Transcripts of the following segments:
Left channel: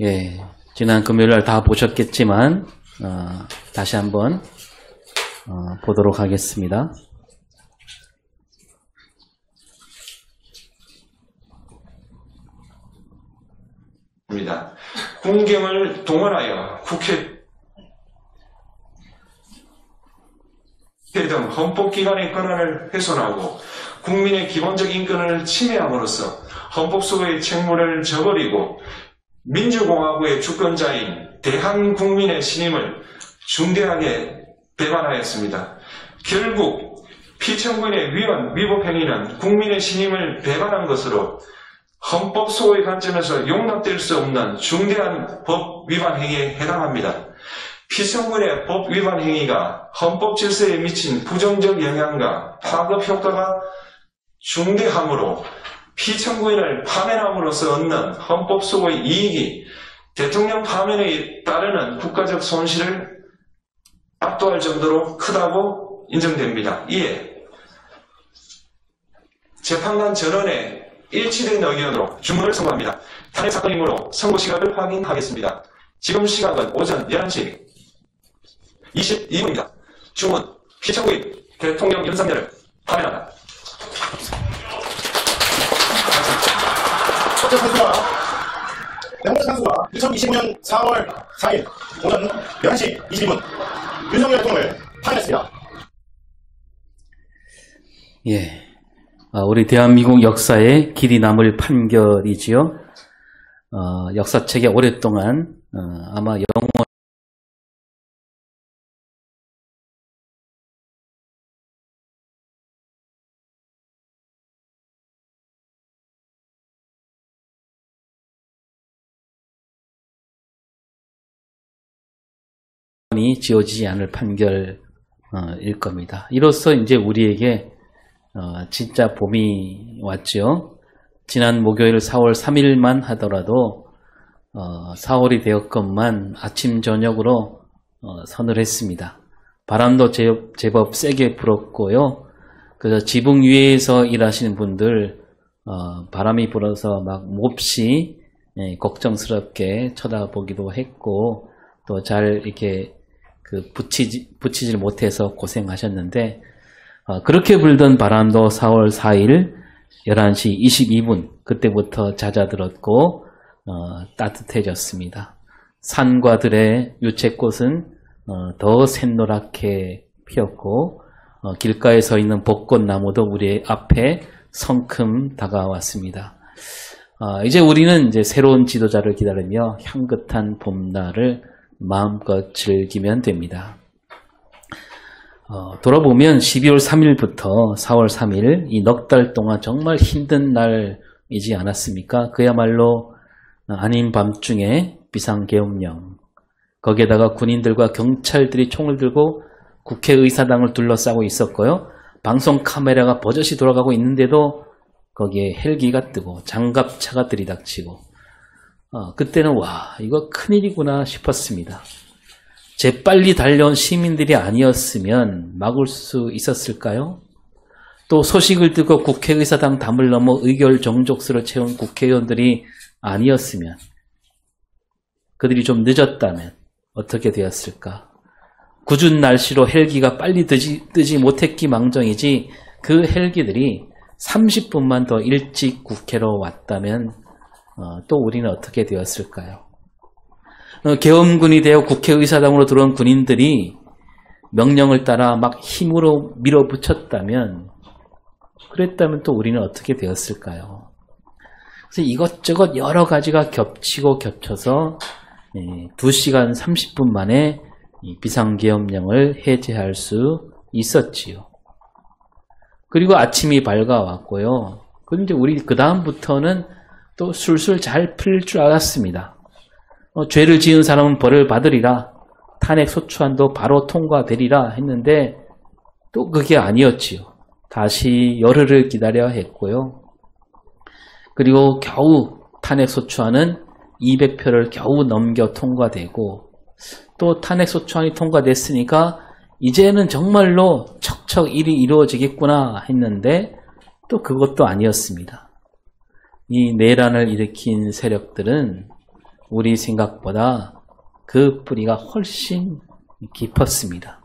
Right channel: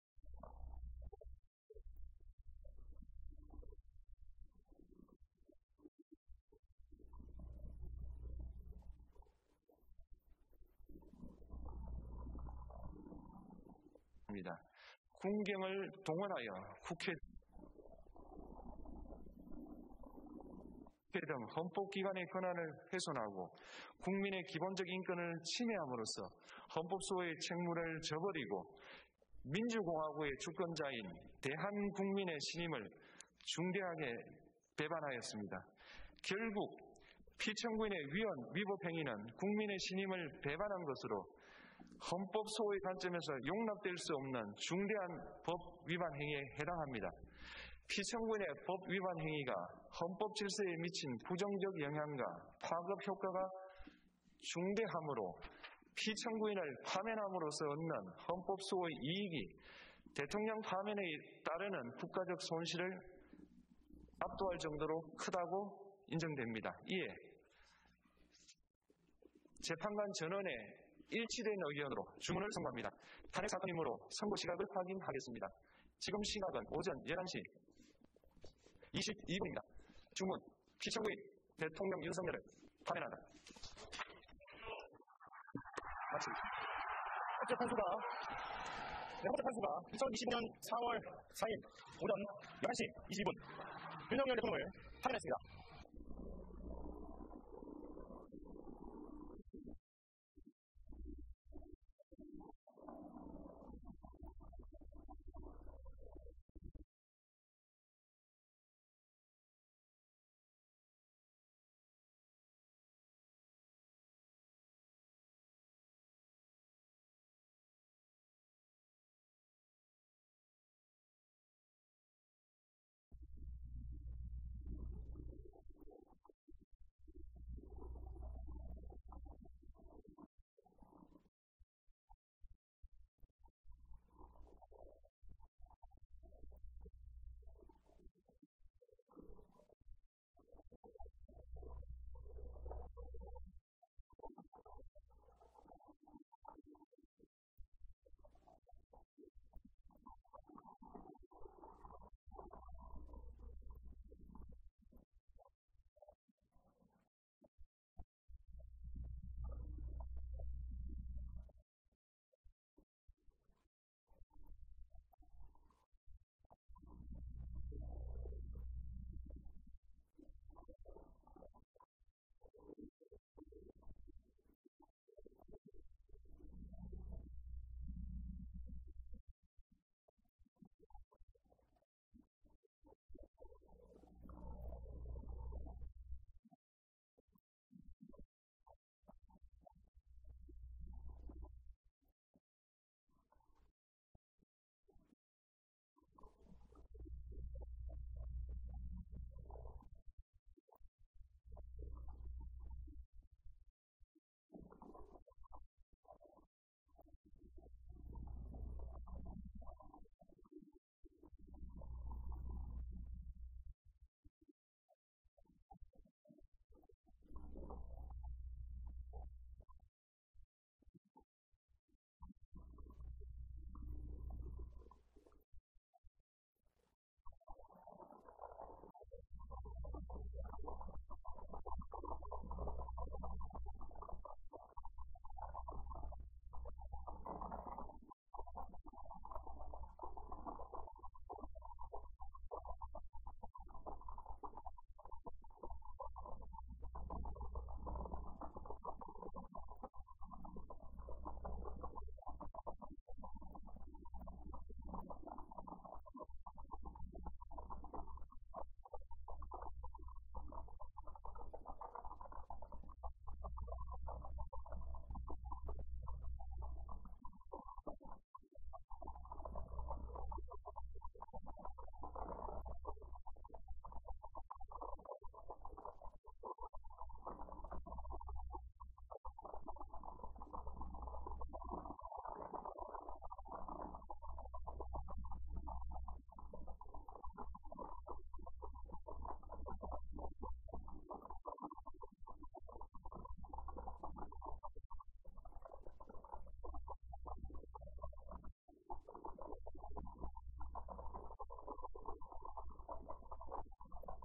예, 지난 금요일날 다 보셨겠지만 다시 한번 보도록 하겠습니다. 국경을 동원하여 국회 등 헌법기관의 권한을 훼손하고 국민의 기본적 인권을 침해함으로써 헌법소의 책무를 저버리고 민주공화국의 주권자인 대한국민의 신임을 중대하게 배반하였습니다. 결국 피청구인의 위법 행위는 국민의 신임을 배반한 것으로 헌법소의 관점에서 용납될 수 없는 중대한 법 위반 행위에 해당합니다. 피청구인의 법 위반 행위가 헌법 질서에 미친 부정적 영향과 파급 효과가 중대하므로 피청구인을 파면함으로써 얻는 헌법소의 이익이 대통령 파면에 따르는 국가적 손실을 압도할 정도로 크다고 인정됩니다. 이에 재판관 전원의 일치된 의견으로 주문을 선고합니다. 탄핵 사건이므로 선고 시각을 확인하겠습니다. 지금 시각은 오전 11시 22분입니다. 주문, 피청구인 대통령 윤석열을 파면한다. 첫째 선수가 명목 선수가 2020년 4월 4일 오전 11시 22분 윤석열 대통령을 파면했습니다. 예, 우리 대한민국 역사에 길이 남을 판결이지요. 역사책에 오랫동안 아마 영원히 지워지지 않을 판결일 겁니다. 이로써 이제 우리에게 진짜 봄이 왔죠. 지난 목요일 4월 3일만 하더라도 4월이 되었건만 아침 저녁으로 서늘했습니다. 바람도 제법 세게 불었고요. 그래서 지붕 위에서 일하시는 분들 바람이 불어서 막 몹시 걱정스럽게 쳐다보기도 했고 또 잘 이렇게 붙이질 못해서 고생하셨는데 그렇게 불던 바람도 4월 4일 11시 22분 그때부터 잦아들었고 따뜻해졌습니다. 산과 들의 유채꽃은 더 샛노랗게 피었고 길가에 서 있는 벚꽃나무도 우리 앞에 성큼 다가왔습니다. 이제 우리는 이제 새로운 지도자를 기다리며 향긋한 봄날을 마음껏 즐기면 됩니다. 돌아보면 12월 3일부터 4월 3일 이 넉 달 동안 정말 힘든 날이지 않았습니까? 그야말로 아닌 밤중에 비상계엄령, 거기에다가 군인들과 경찰들이 총을 들고 국회의사당을 둘러싸고 있었고요. 방송 카메라가 버젓이 돌아가고 있는데도 거기에 헬기가 뜨고 장갑차가 들이닥치고 그때는 와 이거 큰일이구나 싶었습니다. 재빨리 달려온 시민들이 아니었으면 막을 수 있었을까요? 또 소식을 듣고 국회의사당 담을 넘어 의결정족수를 채운 국회의원들이 아니었으면 그들이 좀 늦었다면 어떻게 되었을까? 궂은 날씨로 헬기가 빨리 뜨지 못했기 망정이지 그 헬기들이 30분만 더 일찍 국회로 왔다면 또 우리는 어떻게 되었을까요? 계엄군이 되어 국회의사당으로 들어온 군인들이 명령을 따라 막 힘으로 밀어붙였다면 그랬다면 또 우리는 어떻게 되었을까요? 그래서 이것저것 여러 가지가 겹치고 겹쳐서 2시간 30분 만에 비상계엄령을 해제할 수 있었지요. 그리고 아침이 밝아왔고요. 그런데 우리 그 다음부터는 또 술술 잘 풀릴 줄 알았습니다. 죄를 지은 사람은 벌을 받으리라. 탄핵 소추안도 바로 통과되리라 했는데 또 그게 아니었지요. 다시 열흘을 기다려야 했고요. 그리고 겨우 탄핵 소추안은 200표를 겨우 넘겨 통과되고 또 탄핵 소추안이 통과됐으니까 이제는 정말로 척척 일이 이루어지겠구나 했는데 또 그것도 아니었습니다. 이 내란을 일으킨 세력들은 우리 생각보다 그 뿌리가 훨씬 깊었습니다.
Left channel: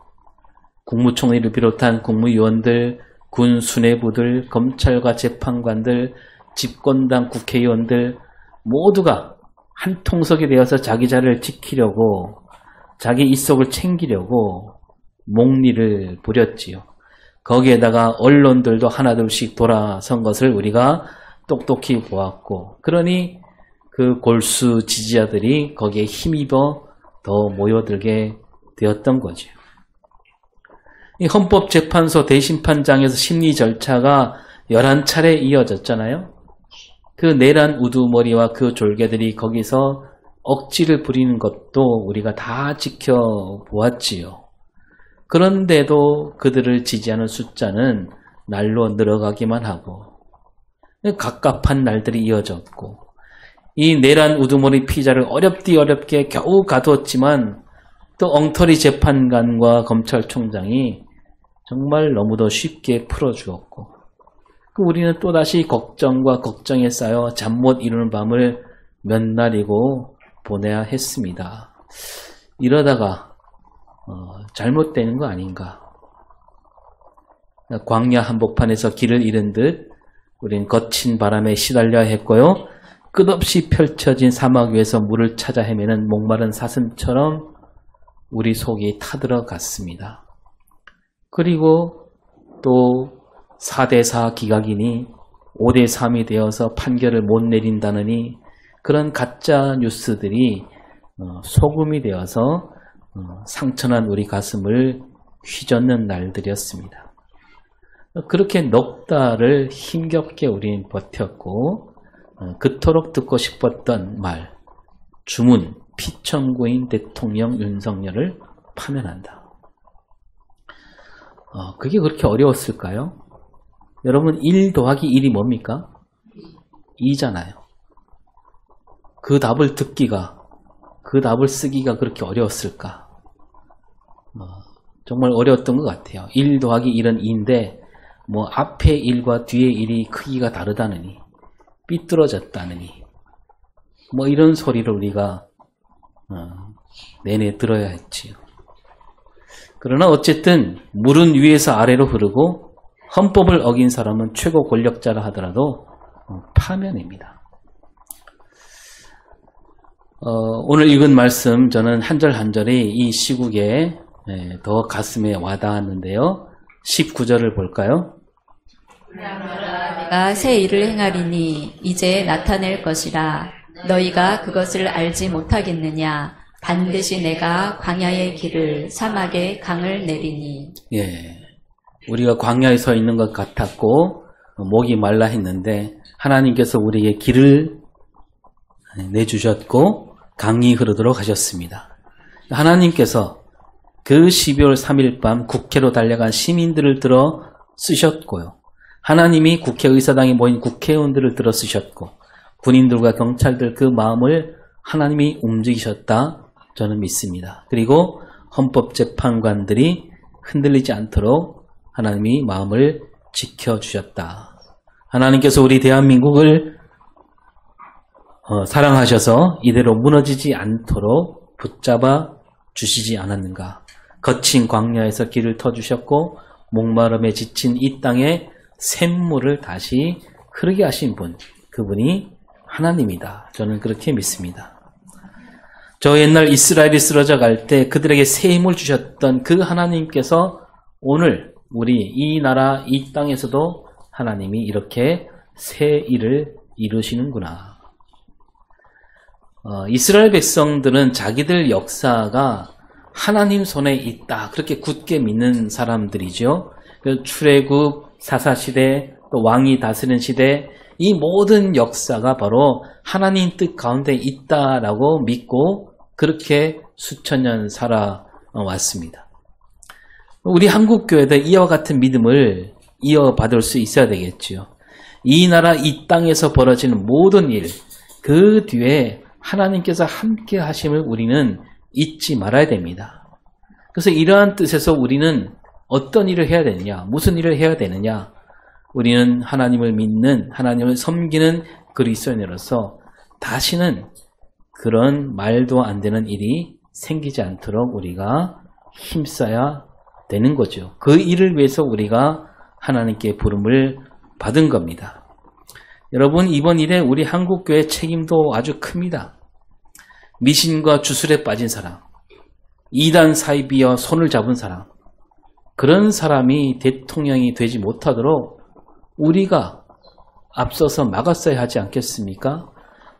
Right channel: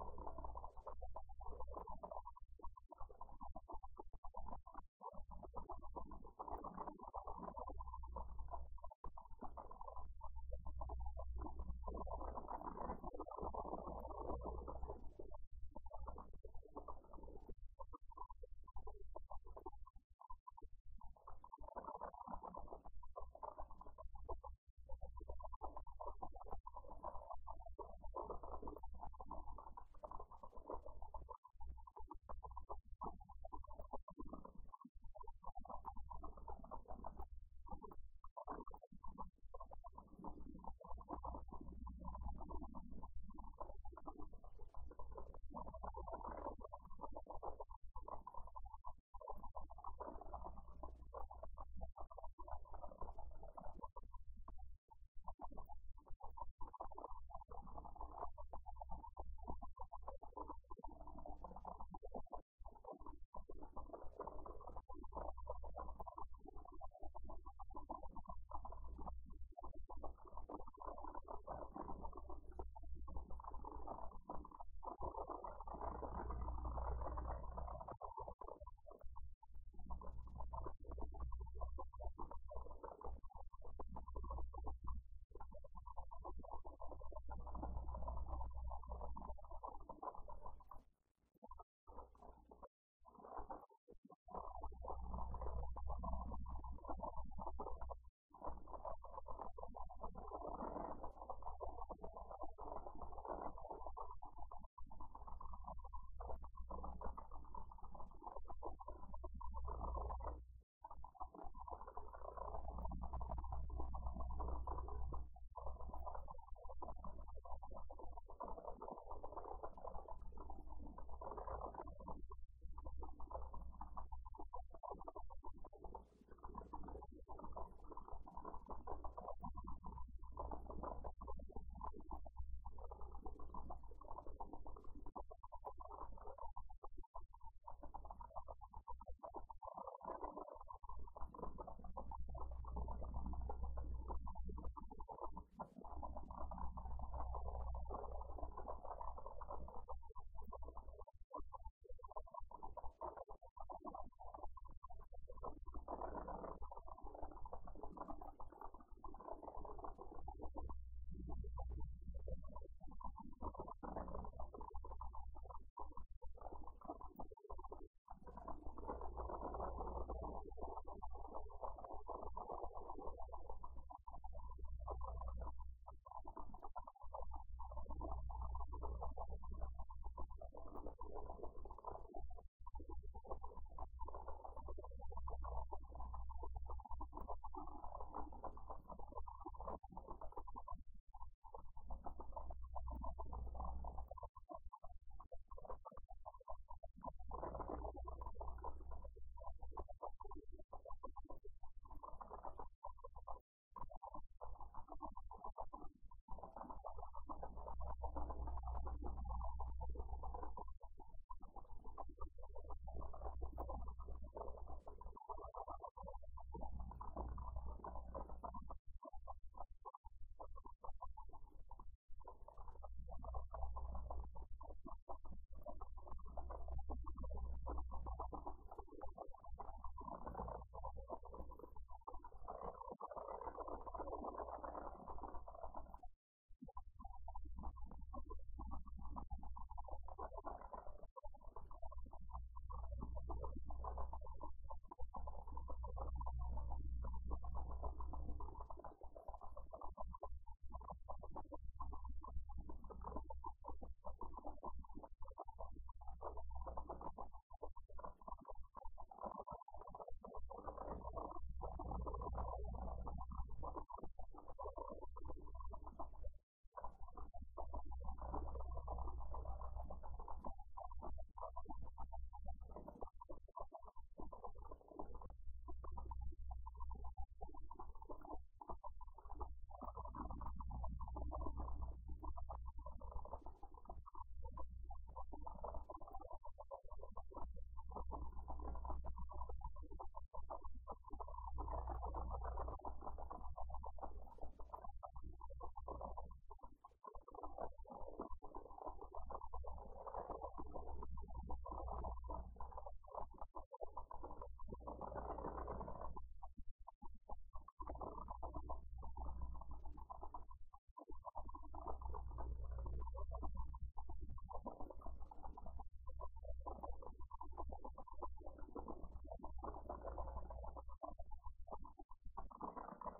국무총리를 비롯한 국무위원들, 군 수뇌부들, 검찰과 재판관들, 집권당 국회의원들 모두가 한 통속이 되어서 자기 자리를 지키려고 자기 입속을 챙기려고 목리를 부렸지요. 거기에다가 언론들도 하나둘씩 돌아선 것을 우리가 똑똑히 보았고, 그러니 그 골수 지지자들이 거기에 힘입어 더 모여들게 되었던 거죠. 이 헌법재판소 대심판장에서 심리 절차가 11차례 이어졌잖아요. 그 내란 우두머리와 그 졸개들이 거기서 억지를 부리는 것도 우리가 다 지켜보았지요. 그런데도 그들을 지지하는 숫자는 날로 늘어가기만 하고 갑갑한 날들이 이어졌고, 이 내란 우두머리 피자를 어렵게 겨우 가두었지만 또 엉터리 재판관과 검찰총장이 정말 너무도 쉽게 풀어주었고, 우리는 또다시 걱정과 걱정에 쌓여 잠 못 이루는 밤을 몇 날이고 보내야 했습니다. 이러다가 잘못되는 거 아닌가. 광야 한복판에서 길을 잃은 듯 우린 거친 바람에 시달려야 했고요. 끝없이 펼쳐진 사막 위에서 물을 찾아 헤매는 목마른 사슴처럼 우리 속이 타들어갔습니다. 그리고 또 4대4 기각이니 5대3이 되어서 판결을 못 내린다느니 그런 가짜 뉴스들이 소금이 되어서 상처난 우리 가슴을 휘젓는 날들이었습니다. 그렇게 넉 달을 힘겹게 우린 버텼고, 그토록 듣고 싶었던 말, 주문, 피청구인 대통령 윤석열을 파면한다. 그게 그렇게 어려웠을까요? 여러분, 1 더하기 1이 뭡니까? 2잖아요. 그 답을 듣기가, 그 답을 쓰기가 그렇게 어려웠을까? 정말 어려웠던 것 같아요. 1 더하기 1은 2인데 뭐 앞에 1과 뒤에 1이 크기가 다르다느니, 삐뚤어졌다느니, 뭐 이런 소리를 우리가 내내 들어야 했지요. 그러나 어쨌든 물은 위에서 아래로 흐르고 헌법을 어긴 사람은 최고 권력자라 하더라도 파면입니다. 오늘 읽은 말씀, 저는 한 절 한 절이 이 시국에 더 가슴에 와닿았는데요. 19절을 볼까요? 내가 새 일을 행하리니 이제 나타낼 것이라. 너희가 그것을 알지 못하겠느냐. 반드시 내가 광야의 길을, 사막의 강을 내리니. 예, 우리가 광야에 서 있는 것 같았고 목이 말라 했는데 하나님께서 우리에게 길을 내주셨고 강이 흐르도록 하셨습니다. 하나님께서 그 12월 3일 밤 국회로 달려간 시민들을 들어 쓰셨고요. 하나님이 국회의사당에 모인 국회의원들을 들어 쓰셨고, 군인들과 경찰들 그 마음을 하나님이 움직이셨다, 저는 믿습니다. 그리고 헌법재판관들이 흔들리지 않도록 하나님이 마음을 지켜주셨다. 하나님께서 우리 대한민국을 사랑하셔서 이대로 무너지지 않도록 붙잡아 주시지 않았는가. 거친 광야에서 길을 터주셨고 목마름에 지친 이 땅에 샘물을 다시 흐르게 하신 분, 그분이 하나님이다. 저는 그렇게 믿습니다. 저 옛날 이스라엘이 쓰러져 갈 때 그들에게 새 힘을 주셨던 그 하나님께서 오늘 우리 이 나라 이 땅에서도 하나님이 이렇게 새 일을 이루시는구나. 이스라엘 백성들은 자기들 역사가 하나님 손에 있다, 그렇게 굳게 믿는 사람들이죠. 출애굽, 사사시대, 또 왕이 다스리는 시대, 이 모든 역사가 바로 하나님 뜻 가운데 있다라고 믿고 그렇게 수천 년 살아왔습니다. 우리 한국교회도 이와 같은 믿음을 이어받을 수 있어야 되겠죠. 이 나라 이 땅에서 벌어지는 모든 일, 그 뒤에 하나님께서 함께 하심을 우리는 잊지 말아야 됩니다. 그래서 이러한 뜻에서 우리는 어떤 일을 해야 되느냐, 무슨 일을 해야 되느냐, 우리는 하나님을 믿는, 하나님을 섬기는 그리스도인으로서 다시는 그런 말도 안 되는 일이 생기지 않도록 우리가 힘써야 되는 거죠. 그 일을 위해서 우리가 하나님께 부름을 받은 겁니다. 여러분, 이번 일에 우리 한국교회 책임도 아주 큽니다. 미신과 주술에 빠진 사람, 이단 사이비와 손을 잡은 사람, 그런 사람이 대통령이 되지 못하도록 우리가 앞서서 막았어야 하지 않겠습니까?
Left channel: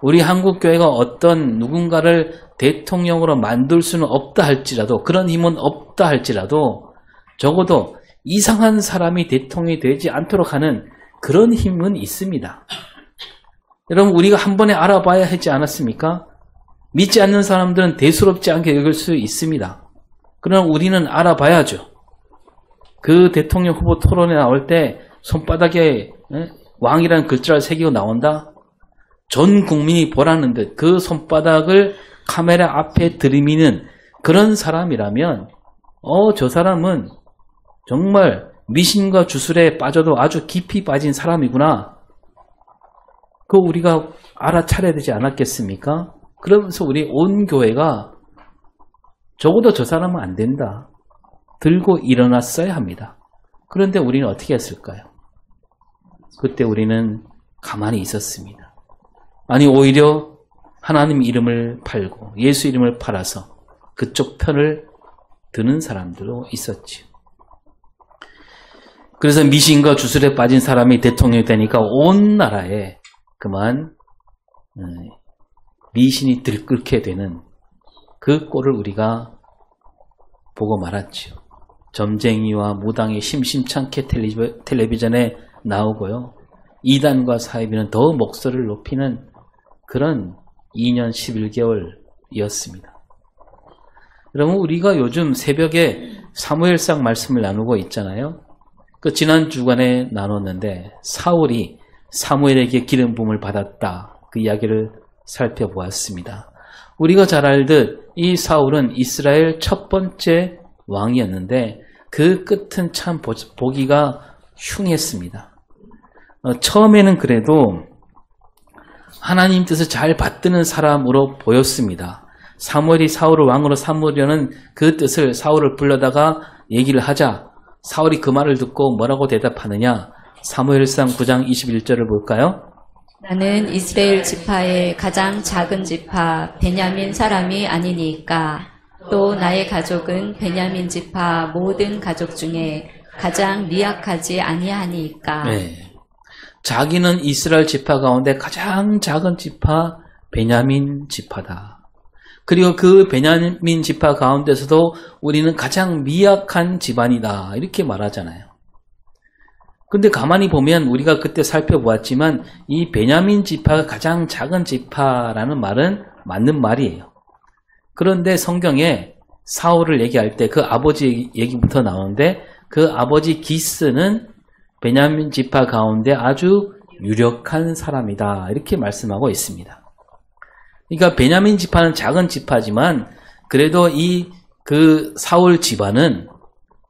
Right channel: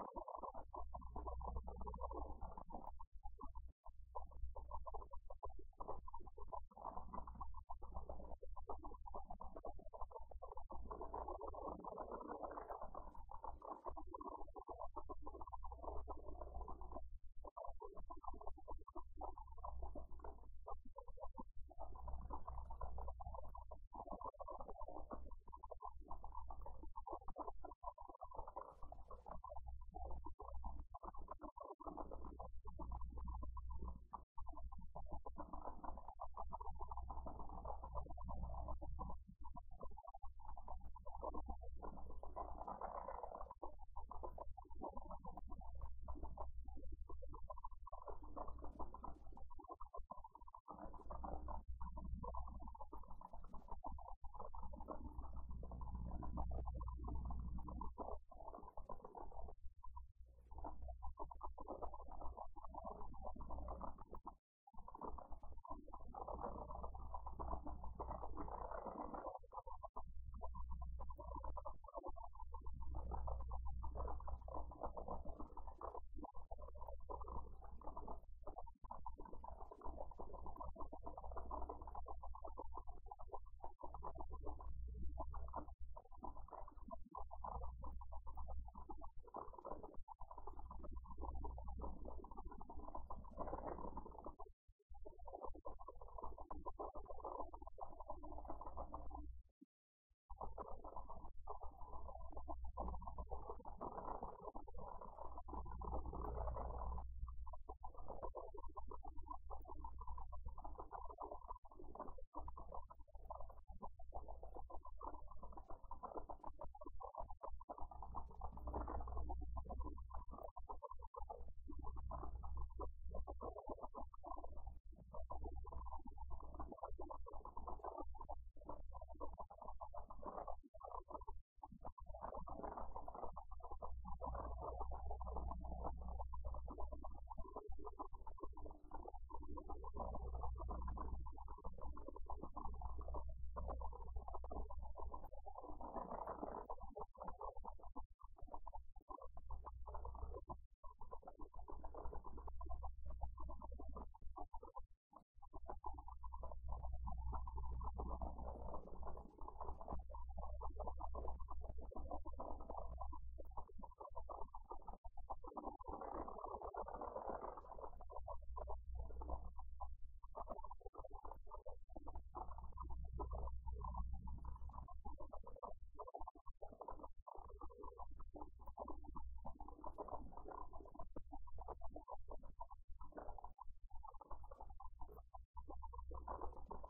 우리 한국교회가 어떤 누군가를 대통령으로 만들 수는 없다 할지라도, 그런 힘은 없다 할지라도 적어도 이상한 사람이 대통령이 되지 않도록 하는 그런 힘은 있습니다. 여러분, 우리가 한 번에 알아봐야 하지 않았습니까? 믿지 않는 사람들은 대수롭지 않게 여길 수 있습니다. 그러나 우리는 알아봐야죠. 그 대통령 후보 토론에 나올 때 손바닥에 왕이라는 글자를 새기고 나온다? 전 국민이 보라는 듯 그 손바닥을 카메라 앞에 들이미는 그런 사람이라면 저 사람은 정말 미신과 주술에 빠져도 아주 깊이 빠진 사람이구나. 그거 우리가 알아차려야 되지 않았겠습니까? 그러면서 우리 온 교회가 적어도 저 사람은 안 된다. 들고 일어났어야 합니다. 그런데 우리는 어떻게 했을까요? 그때 우리는 가만히 있었습니다. 아니, 오히려 하나님 이름을 팔고 예수 이름을 팔아서 그쪽 편을 드는 사람들도 있었지요. 그래서 미신과 주술에 빠진 사람이 대통령이 되니까 온 나라에 그만 미신이 들끓게 되는 그 꼴을 우리가 보고 말았지요. 점쟁이와 무당이 심심찮게 텔레비전에 나오고요. 이단과 사이비는 더 목소리를 높이는 그런 2년 11개월이었습니다. 여러분, 우리가 요즘 새벽에 사무엘상 말씀을 나누고 있잖아요. 그 지난 주간에 나눴는데 사울이 사무엘에게 기름 부음을 받았다. 그 이야기를 살펴보았습니다. 우리가 잘 알듯 이 사울은 이스라엘 첫 번째 왕이었는데 그 끝은 참 보기가 흉했습니다. 처음에는 그래도 하나님 뜻을 잘 받드는 사람으로 보였습니다. 사무엘이 사울을 왕으로 삼으려는 그 뜻을 사울을 불러다가 얘기를 하자 사울이 그 말을 듣고 뭐라고 대답하느냐? 사무엘상 9장 21절을 볼까요? 나는 이스라엘 지파의 가장 작은 지파 베냐민 사람이 아니니까 또 나의 가족은 베냐민 지파 모든 가족 중에 가장 미약하지 아니하니까. 네. 자기는 이스라엘 지파 가운데 가장 작은 지파 베냐민 지파다. 그리고 그 베냐민 지파 가운데서도 우리는 가장 미약한 집안이다. 이렇게 말하잖아요. 근데 가만히 보면 우리가 그때 살펴보았지만 이 베냐민 지파가 가장 작은 지파라는 말은 맞는 말이에요. 그런데 성경에 사울을 얘기할 때 그 아버지 얘기부터 나오는데 그 아버지 기스는 베냐민 지파 가운데 아주 유력한 사람이다. 이렇게 말씀하고 있습니다. 그러니까 베냐민 지파는 작은 지파지만 그래도 그 사울 집안은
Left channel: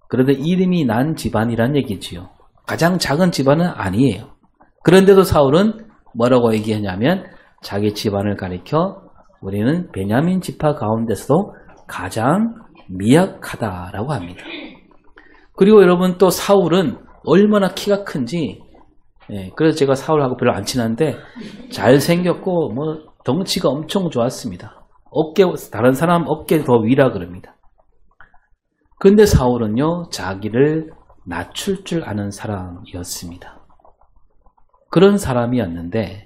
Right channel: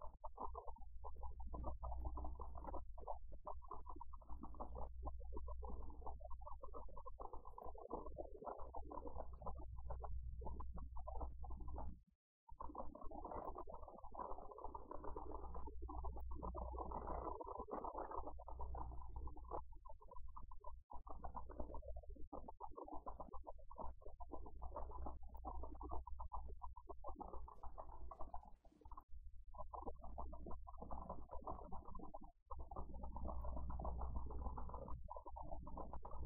그래도 이름이 난 집안이란 얘기지요. 가장 작은 집안은 아니에요. 그런데도 사울은 뭐라고 얘기하냐면 자기 집안을 가리켜 우리는 베냐민 지파 가운데서도 가장 미약하다라고 합니다. 그리고 여러분 또 사울은 얼마나 키가 큰지 그래서 제가 사울하고 별로 안 친한데 잘생겼고 뭐 덩치가 엄청 좋았습니다. 다른 사람 어깨 더 위라 그럽니다. 그런데 사울은요 자기를 낮출 줄 아는 사람이었습니다. 그런 사람이었는데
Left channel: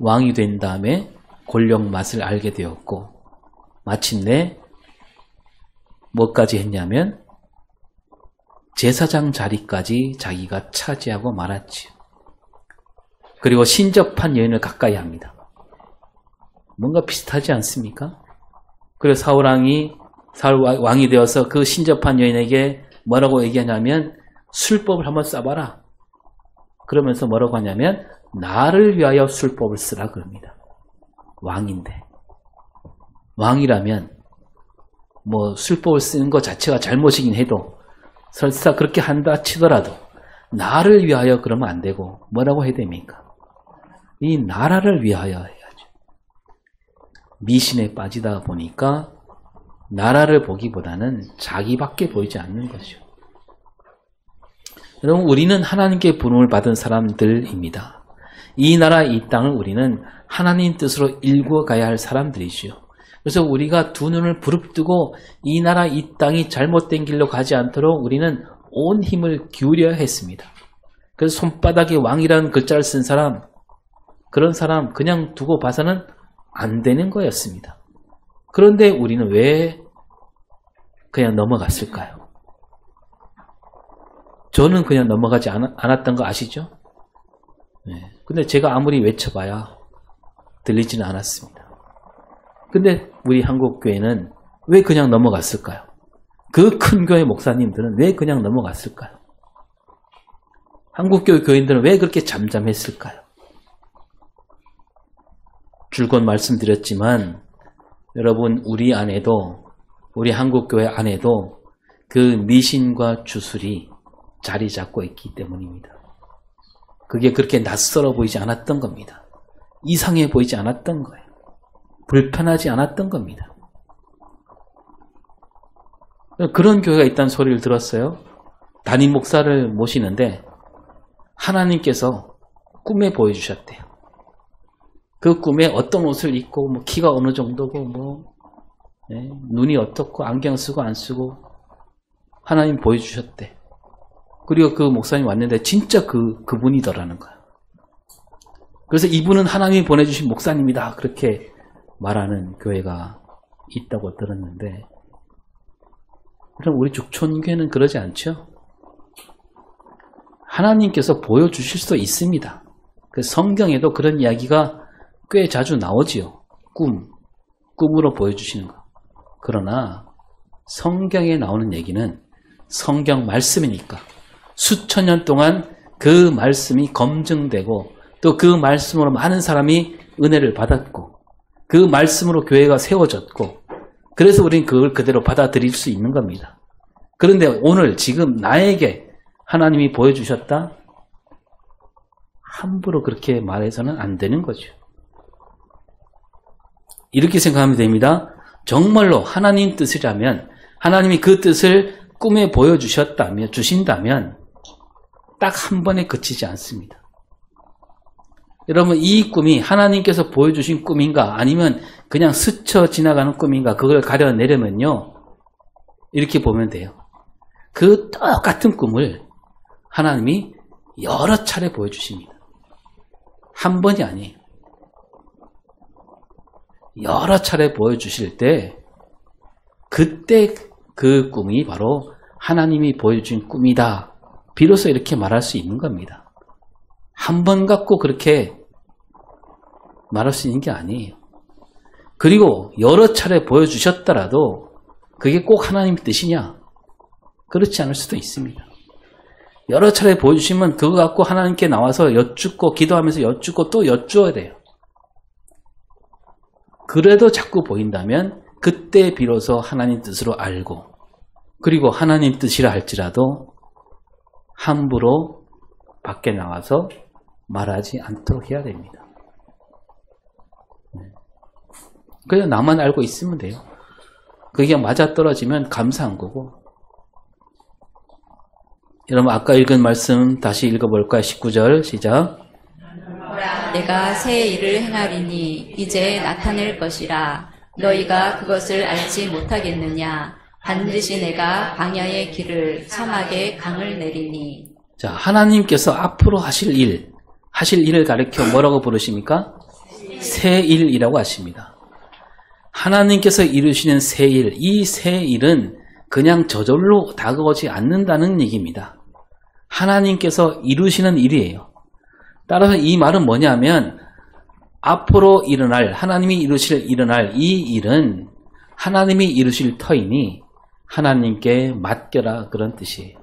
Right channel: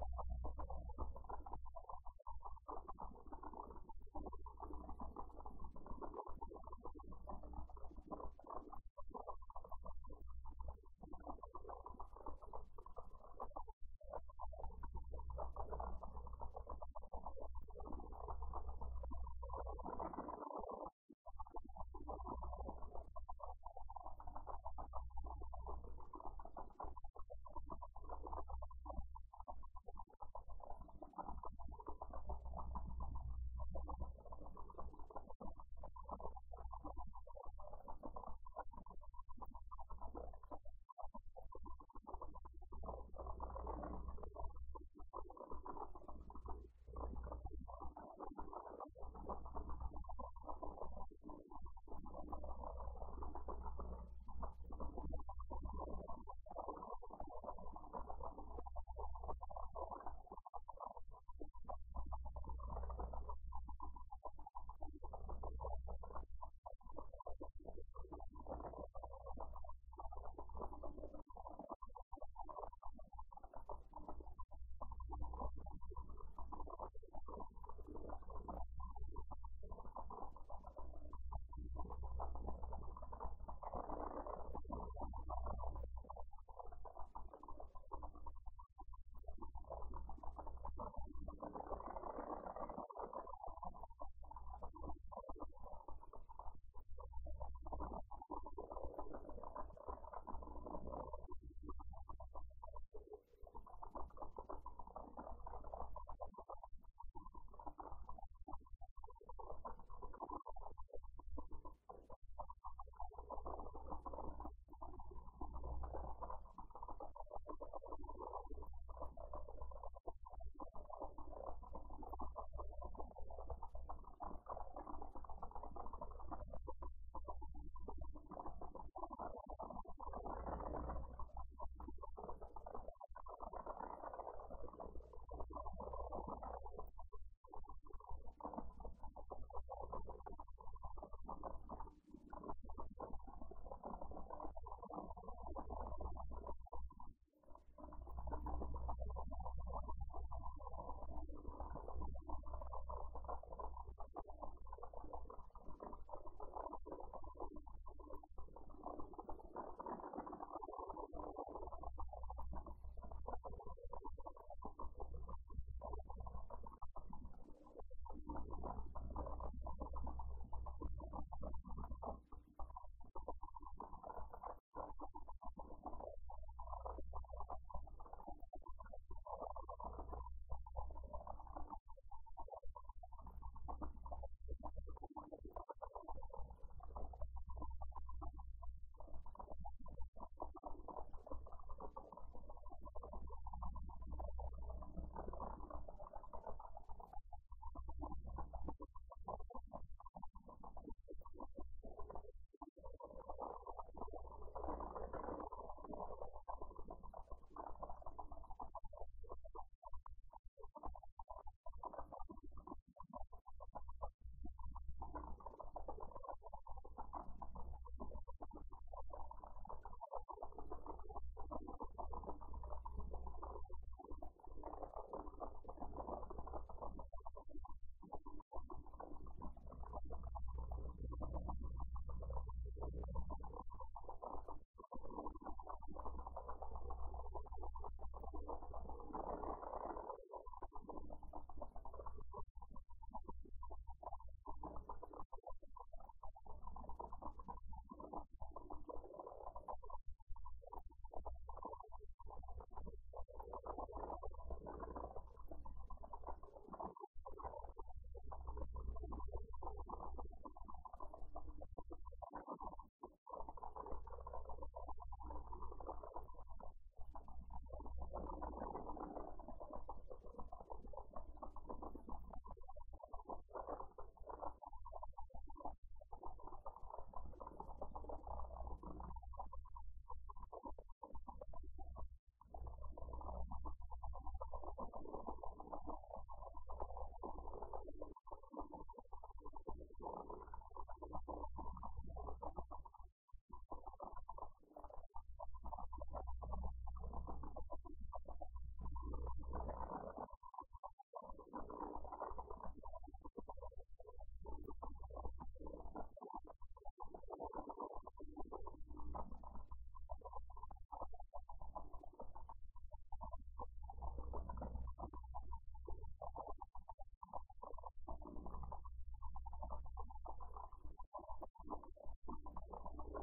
왕이 된 다음에 권력 맛을 알게 되었고 마침내 뭐까지 했냐면 제사장 자리까지 자기가 차지하고 말았지요. 그리고 신접한 여인을 가까이 합니다. 뭔가 비슷하지 않습니까? 그래서 사울 왕이 되어서 그 신접한 여인에게 뭐라고 얘기하냐면 술법을 한번 써봐라. 그러면서 뭐라고 하냐면 나를 위하여 술법을 쓰라 그럽니다. 왕인데. 왕이라면 뭐 술법을 쓰는 것 자체가 잘못이긴 해도 설사 그렇게 한다 치더라도 나를 위하여 그러면 안 되고 뭐라고 해야 됩니까? 이 나라를 위하여 해야죠. 미신에 빠지다 보니까 나라를 보기보다는 자기밖에 보이지 않는 거죠. 여러분, 우리는 하나님께 부름을 받은 사람들입니다. 이 나라, 이 땅을 우리는 하나님 뜻으로 일구어가야 할 사람들이지요. 그래서 우리가 두 눈을 부릅뜨고 이 나라, 이 땅이 잘못된 길로 가지 않도록 우리는 온 힘을 기울여야 했습니다. 그래서 손바닥에 왕이라는 글자를 쓴 사람, 그런 사람 그냥 두고 봐서는 안 되는 거였습니다. 그런데 우리는 왜 그냥 넘어갔을까요? 저는 그냥 넘어가지 않았던 거 아시죠? 네. 근데 제가 아무리 외쳐봐야 들리지는 않았습니다. 근데 우리 한국교회는 왜 그냥 넘어갔을까요? 그 큰 교회 목사님들은 왜 그냥 넘어갔을까요? 한국교회 교인들은 왜 그렇게 잠잠했을까요? 줄곧 말씀드렸지만 여러분, 우리 안에도, 우리 한국교회 안에도 그 미신과 주술이 자리 잡고 있기 때문입니다. 그게 그렇게 낯설어 보이지 않았던 겁니다. 이상해 보이지 않았던 거예요. 불편하지 않았던 겁니다. 그런 교회가 있다는 소리를 들었어요. 담임 목사를 모시는데 하나님께서 꿈에 보여주셨대요. 그 꿈에 어떤 옷을 입고, 뭐 키가 어느 정도고, 눈이 어떻고, 안경 쓰고 안 쓰고 하나님 보여주셨대. 그리고 그 목사님 왔는데 진짜 그분이더라는 거야. 그래서 이분은 하나님이 보내주신 목사님이다, 그렇게 말하는 교회가 있다고 들었는데, 그럼 우리 죽촌교회는 그러지 않죠? 하나님께서 보여주실 수도 있습니다. 그 성경에도 그런 이야기가 꽤 자주 나오지요. 꿈으로 보여주시는 거. 그러나 성경에 나오는 얘기는 성경 말씀이니까 수천 년 동안 그 말씀이 검증되고 또 그 말씀으로 많은 사람이 은혜를 받았고 그 말씀으로 교회가 세워졌고 그래서 우리는 그걸 그대로 받아들일 수 있는 겁니다. 그런데 오늘 지금 나에게 하나님이 보여주셨다? 함부로 그렇게 말해서는 안 되는 거죠. 이렇게 생각하면 됩니다. 정말로 하나님 뜻이라면, 하나님이 그 뜻을 꿈에 보여주셨다면, 주신다면 딱 한 번에 그치지 않습니다. 여러분, 이 꿈이 하나님께서 보여주신 꿈인가 아니면 그냥 스쳐 지나가는 꿈인가, 그걸 가려내려면요, 이렇게 보면 돼요. 그 똑같은 꿈을 하나님이 여러 차례 보여주십니다. 한 번이 아니에요. 여러 차례 보여주실 때 그때 그 꿈이 바로 하나님이 보여준 꿈이다. 비로소 이렇게 말할 수 있는 겁니다. 한 번 갖고 그렇게 말할 수 있는 게 아니에요. 그리고 여러 차례 보여주셨더라도 그게 꼭 하나님 뜻이냐? 그렇지 않을 수도 있습니다. 여러 차례 보여주시면 그거 갖고 하나님께 나와서 여쭙고 기도하면서 여쭙고 또 여쭈어야 돼요. 그래도 자꾸 보인다면 그때 비로소 하나님 뜻으로 알고 그리고 하나님 뜻이라 할지라도 함부로 밖에 나와서 말하지 않도록 해야 됩니다. 그냥 나만 알고 있으면 돼요. 그게 맞아떨어지면 감사한 거고. 여러분 아까 읽은 말씀 다시 읽어볼까요? 19절 시작. 내가 새 일을 행하리니 이제 나타낼 것이라 너희가 그것을 알지 못하겠느냐. 반드시 내가 광야의 길을 사막에 강을 내리니. 자, 하나님께서 앞으로 하실 일을 가리켜 뭐라고 부르십니까? 새 일이라고 하십니다. 하나님께서 이루시는 새 일, 이 새 일은 그냥 저절로 다가오지 않는다는 얘기입니다. 하나님께서 이루시는 일이에요. 따라서 이 말은 뭐냐면 앞으로 일어날, 하나님이 일어날 이 일은 하나님이 이루실 터이니 하나님께 맡겨라, 그런 뜻이에요.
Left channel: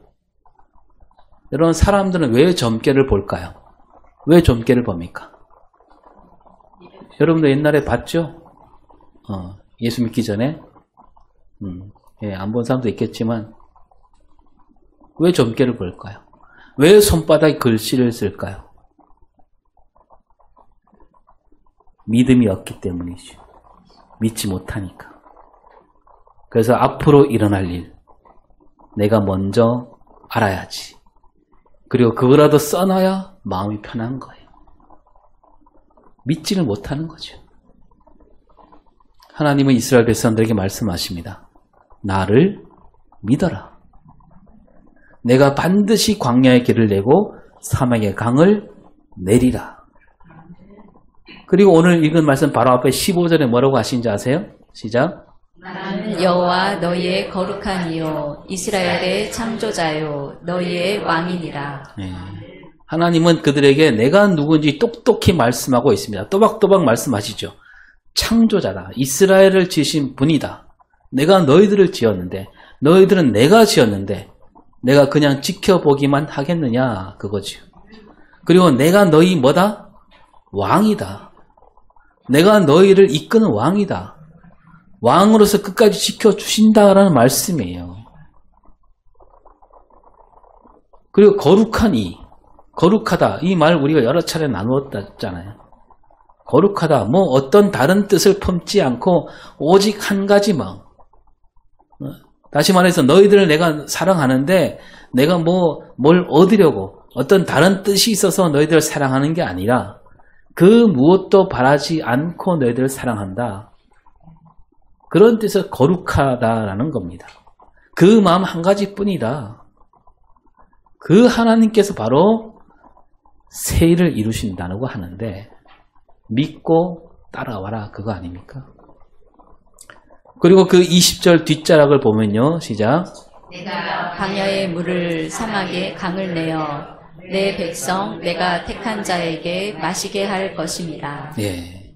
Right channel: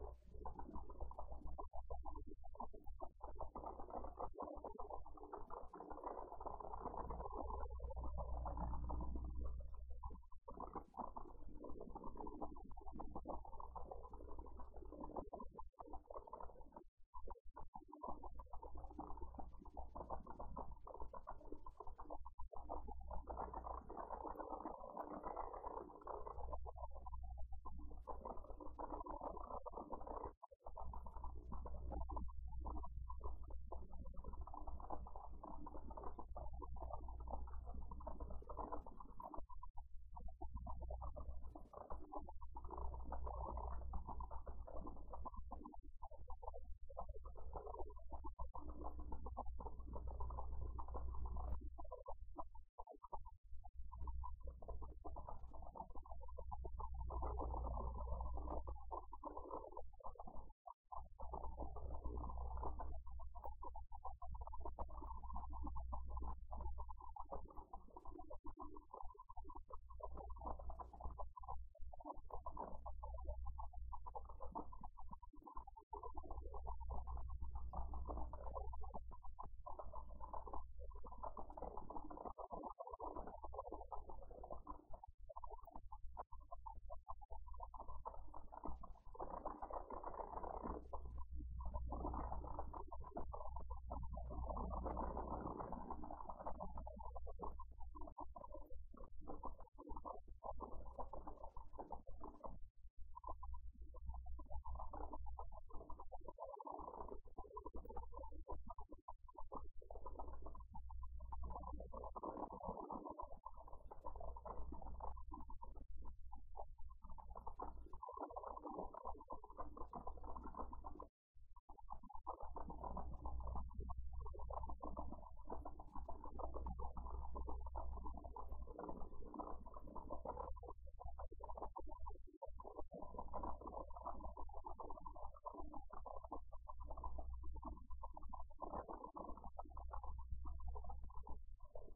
여러분, 사람들은 왜 점괘를 볼까요? 왜 점괘를 봅니까? 여러분도 옛날에 봤죠? 예수 믿기 전에 안 본 사람도 있겠지만 왜 점괘를 볼까요? 왜 손바닥에 글씨를 쓸까요? 믿음이 없기 때문이죠. 믿지 못하니까. 그래서 앞으로 일어날 일, 내가 먼저 알아야지. 그리고 그거라도 써놔야 마음이 편한 거예요. 믿지를 못하는 거죠. 하나님은 이스라엘 백성들에게 말씀하십니다. 나를 믿어라. 내가 반드시 광야의 길을 내고 사막의 강을 내리라. 그리고 오늘 읽은 말씀 바로 앞에 15절에 뭐라고 하신지 아세요? 시작. 나는 여호와 너희의 거룩한 이요 이스라엘의 창조자요 너희의 왕이니라. 네. 하나님은 그들에게 내가 누군지 똑똑히 말씀하고 있습니다. 또박또박 말씀하시죠. 창조자다. 이스라엘을 지으신 분이다. 내가 너희들을 지었는데 너희들은 내가 지었는데 내가 그냥 지켜보기만 하겠느냐 그거죠. 그리고 내가 너희 뭐다? 왕이다. 내가 너희를 이끄는 왕이다. 왕으로서 끝까지 지켜주신다라는 말씀이에요. 그리고 거룩한 이, 거룩하다. 이 말 우리가 여러 차례 나누었잖아요. 거룩하다. 뭐 어떤 다른 뜻을 품지 않고 오직 한 가지만. 다시 말해서 너희들을 내가 사랑하는데 내가 뭘 얻으려고 어떤 다른 뜻이 있어서 너희들을 사랑하는 게 아니라 그 무엇도 바라지 않고 너희들을 사랑한다. 그런 뜻에서 거룩하다라는 겁니다. 그 마음 한 가지뿐이다. 그 하나님께서 바로 새 일을 이루신다고 하는데 믿고 따라와라 그거 아닙니까? 그리고 그 20절 뒷자락을 보면요. 시작. 내가 광야의 물을 사막에 강을 내어 내 백성 내가 택한 자에게 마시게 할 것입니다. 예,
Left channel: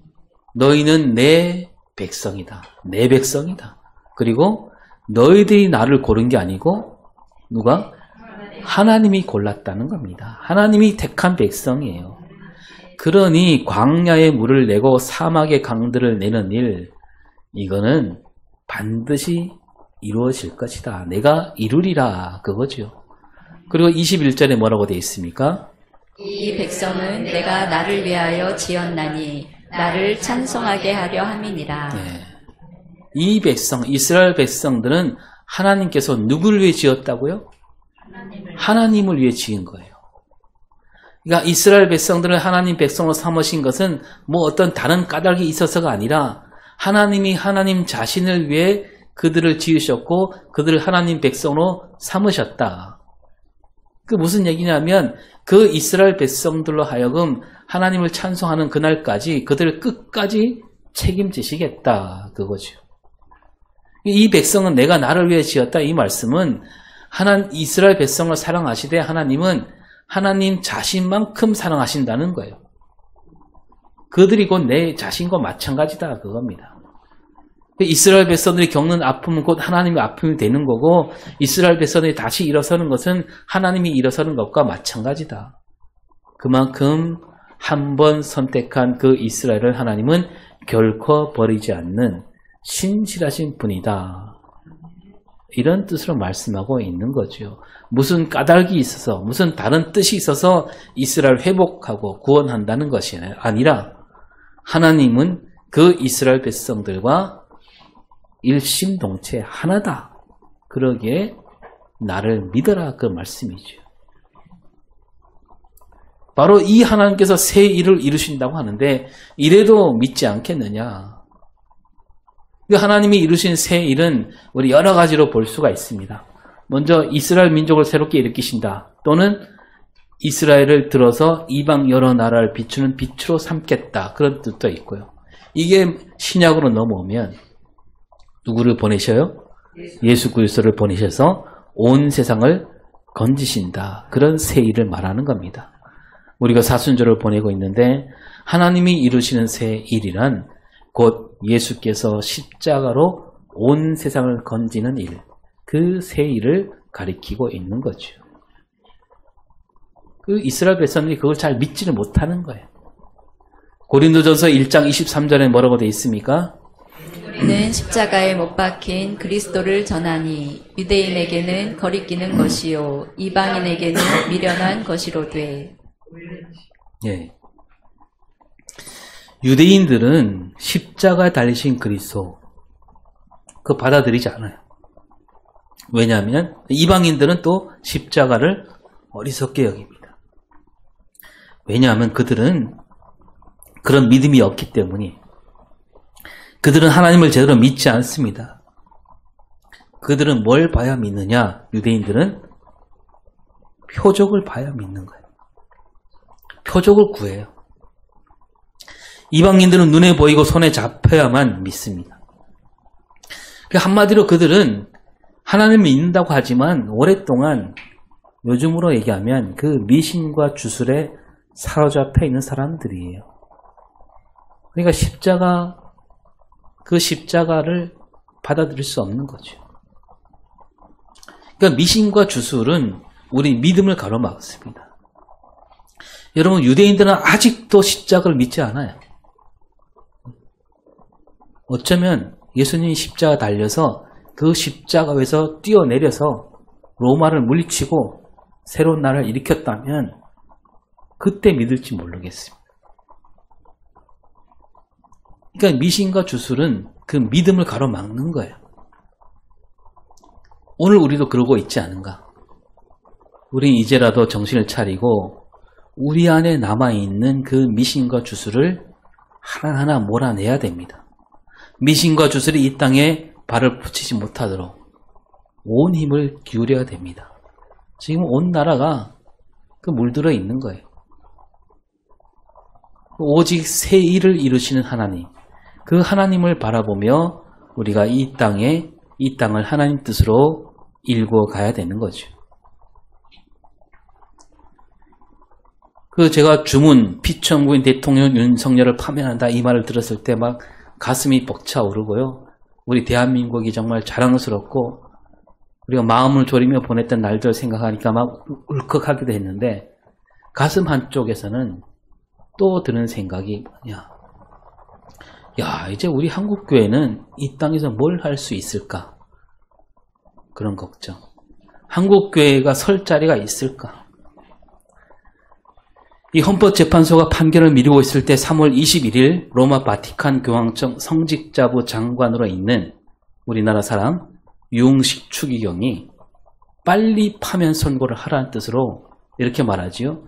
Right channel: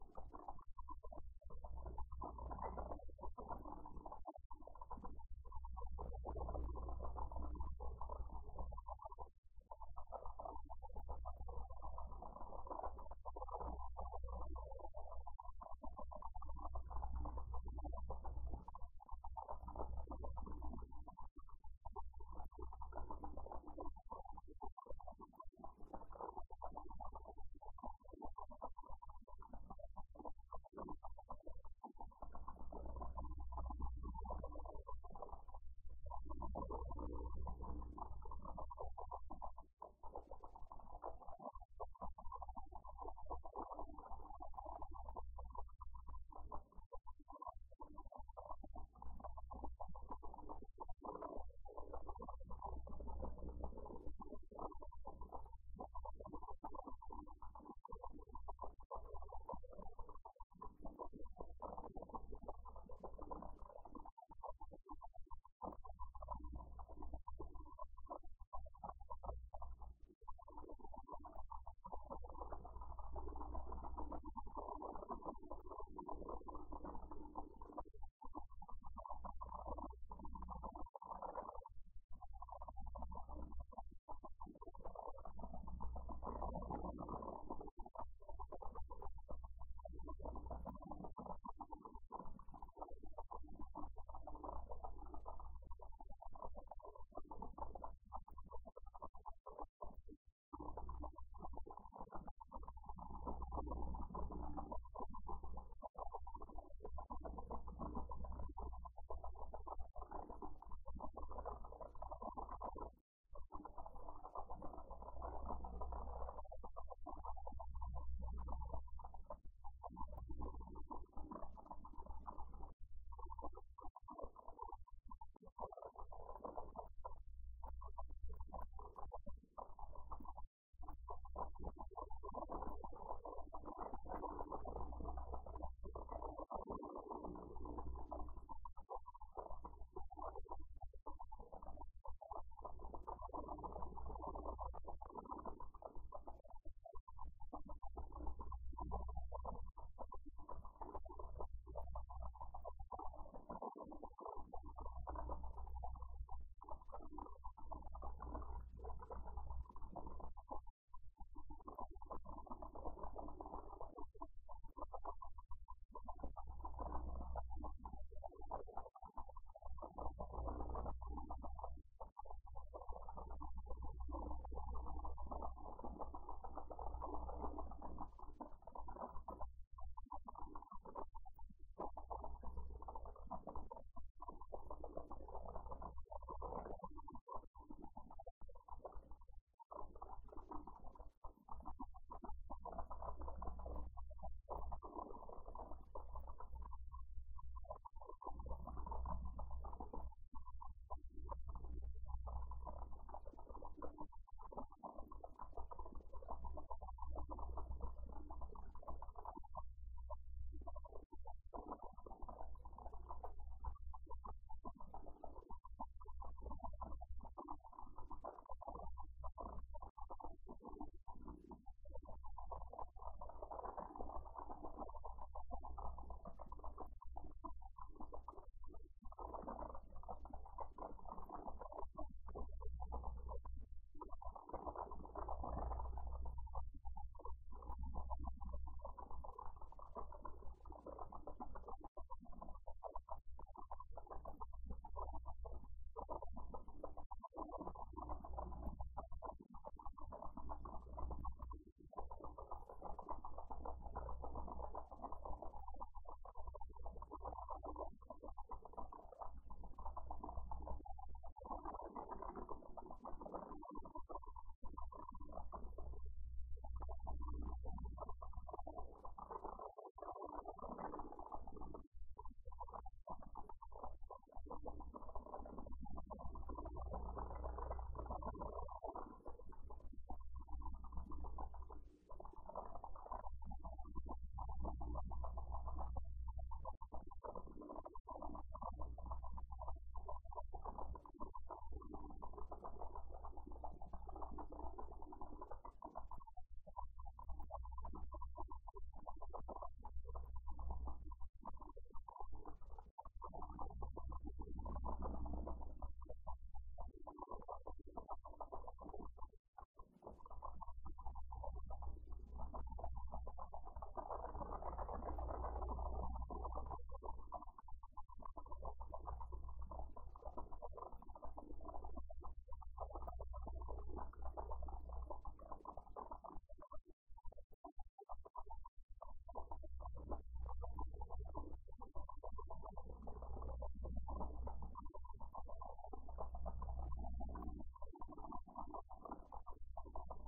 너희는 내 백성이다. 내 백성이다. 그리고 너희들이 나를 고른 게 아니고 누가? 하나님이 골랐다는 겁니다. 하나님이 택한 백성이에요. 그러니 광야의 물을 내고 사막의 강들을 내는 일, 이거는 반드시 이루어질 것이다. 내가 이루리라 그거죠. 그리고 21절에 뭐라고 되어 있습니까? 이 백성은 내가 나를 위하여 지었나니 나를 찬송하게 하려 함이니라. 네. 이 백성, 이스라엘 백성들은 하나님께서 누구를 위해 지었다고요? 하나님을 위해 지은 거예요. 그러니까 이스라엘 백성들을 하나님 백성으로 삼으신 것은 뭐 어떤 다른 까닭이 있어서가 아니라 하나님이 하나님 자신을 위해 그들을 지으셨고 그들을 하나님 백성으로 삼으셨다. 그 무슨 얘기냐면 그 이스라엘 백성들로 하여금 하나님을 찬송하는 그날까지 그들을 끝까지 책임지시겠다. 그거죠. 이 백성은 내가 나를 위해 지었다. 이 말씀은 이스라엘 백성을 사랑하시되 하나님은 하나님 자신만큼 사랑하신다는 거예요. 그들이 곧 내 자신과 마찬가지다. 그겁니다. 이스라엘 백성들이 겪는 아픔은 곧 하나님의 아픔이 되는 거고 이스라엘 백성들이 다시 일어서는 것은 하나님이 일어서는 것과 마찬가지다. 그만큼 한 번 선택한 그 이스라엘을 하나님은 결코 버리지 않는 신실하신 분이다. 이런 뜻으로 말씀하고 있는 거죠. 무슨 까닭이 있어서 무슨 다른 뜻이 있어서 이스라엘 회복하고 구원한다는 것이 아니라 하나님은 그 이스라엘 백성들과 일심동체 하나다. 그러기에 나를 믿어라 그 말씀이죠. 바로 이 하나님께서 새 일을 이루신다고 하는데 이래도 믿지 않겠느냐. 하나님이 이루신 새 일은 우리 여러 가지로 볼 수가 있습니다. 먼저 이스라엘 민족을 새롭게 일으키신다. 또는 이스라엘을 들어서 이방 여러 나라를 비추는 빛으로 삼겠다. 그런 뜻도 있고요. 이게 신약으로 넘어오면 누구를 보내셔요? 예수 그리스도를 보내셔서 온 세상을 건지신다. 그런 새 일을 말하는 겁니다. 우리가 사순절을 보내고 있는데 하나님이 이루시는 새 일이란 곧 예수께서 십자가로 온 세상을 건지는 일, 그 새 일을 가리키고 있는 거죠. 그 이스라엘 백성들이 그걸 잘 믿지를 못하는 거예요. 고린도전서 1장 23절에 뭐라고 되어 있습니까? 우리는 십자가에 못 박힌 그리스도를 전하니 유대인에게는 거리끼는 것이요 이방인에게는 미련한 것이로되. 예. 유대인들은 십자가에 달리신 그리스도 그거 받아들이지 않아요. 왜냐하면 이방인들은 또 십자가를 어리석게 여깁니다. 왜냐하면 그들은 그런 믿음이 없기 때문에 그들은 하나님을 제대로 믿지 않습니다. 그들은 뭘 봐야 믿느냐? 유대인들은 표적을 봐야 믿는 거예요. 표적을 구해요. 이방인들은 눈에 보이고 손에 잡혀야만 믿습니다. 한마디로 그들은 하나님을 믿는다고 하지만 오랫동안 요즘으로 얘기하면 그 미신과 주술에 사로잡혀 있는 사람들이에요. 그러니까 그 십자가를 받아들일 수 없는 거죠. 그러니까 미신과 주술은 우리 믿음을 가로막습니다. 여러분, 유대인들은 아직도 십자가를 믿지 않아요. 어쩌면 예수님이 십자가 달려서 그 십자가에서 뛰어내려서 로마를 물리치고 새로운 나라를 일으켰다면 그때 믿을지 모르겠습니다. 그러니까 미신과 주술은 그 믿음을 가로막는 거예요. 오늘 우리도 그러고 있지 않은가? 우리 이제라도 정신을 차리고 우리 안에 남아있는 그 미신과 주술을 하나하나 몰아내야 됩니다. 미신과 주술이 이 땅에 발을 붙이지 못하도록 온 힘을 기울여야 됩니다. 지금 온 나라가 그 물들어 있는 거예요. 오직 새 일을 이루시는 하나님, 그 하나님을 바라보며 우리가 이 땅을 하나님 뜻으로 일구어 가야 되는 거죠. 제가 주문 피청구인 대통령 윤석열을 파면한다 이 말을 들었을 때 막 가슴이 벅차오르고요. 우리 대한민국이 정말 자랑스럽고 우리가 마음을 졸이며 보냈던 날들 생각하니까 막 울컥하기도 했는데 가슴 한쪽에서는 또 드는 생각이 뭐냐. 야, 이제 우리 한국교회는 이 땅에서 뭘 할 수 있을까? 그런 걱정. 한국교회가 설 자리가 있을까? 이 헌법재판소가 판결을 미루고 있을 때 3월 21일 로마 바티칸 교황청 성직자부 장관으로 있는 우리나라 사람 유흥식 추기경이 빨리 파면 선고를 하라는 뜻으로 이렇게 말하지요.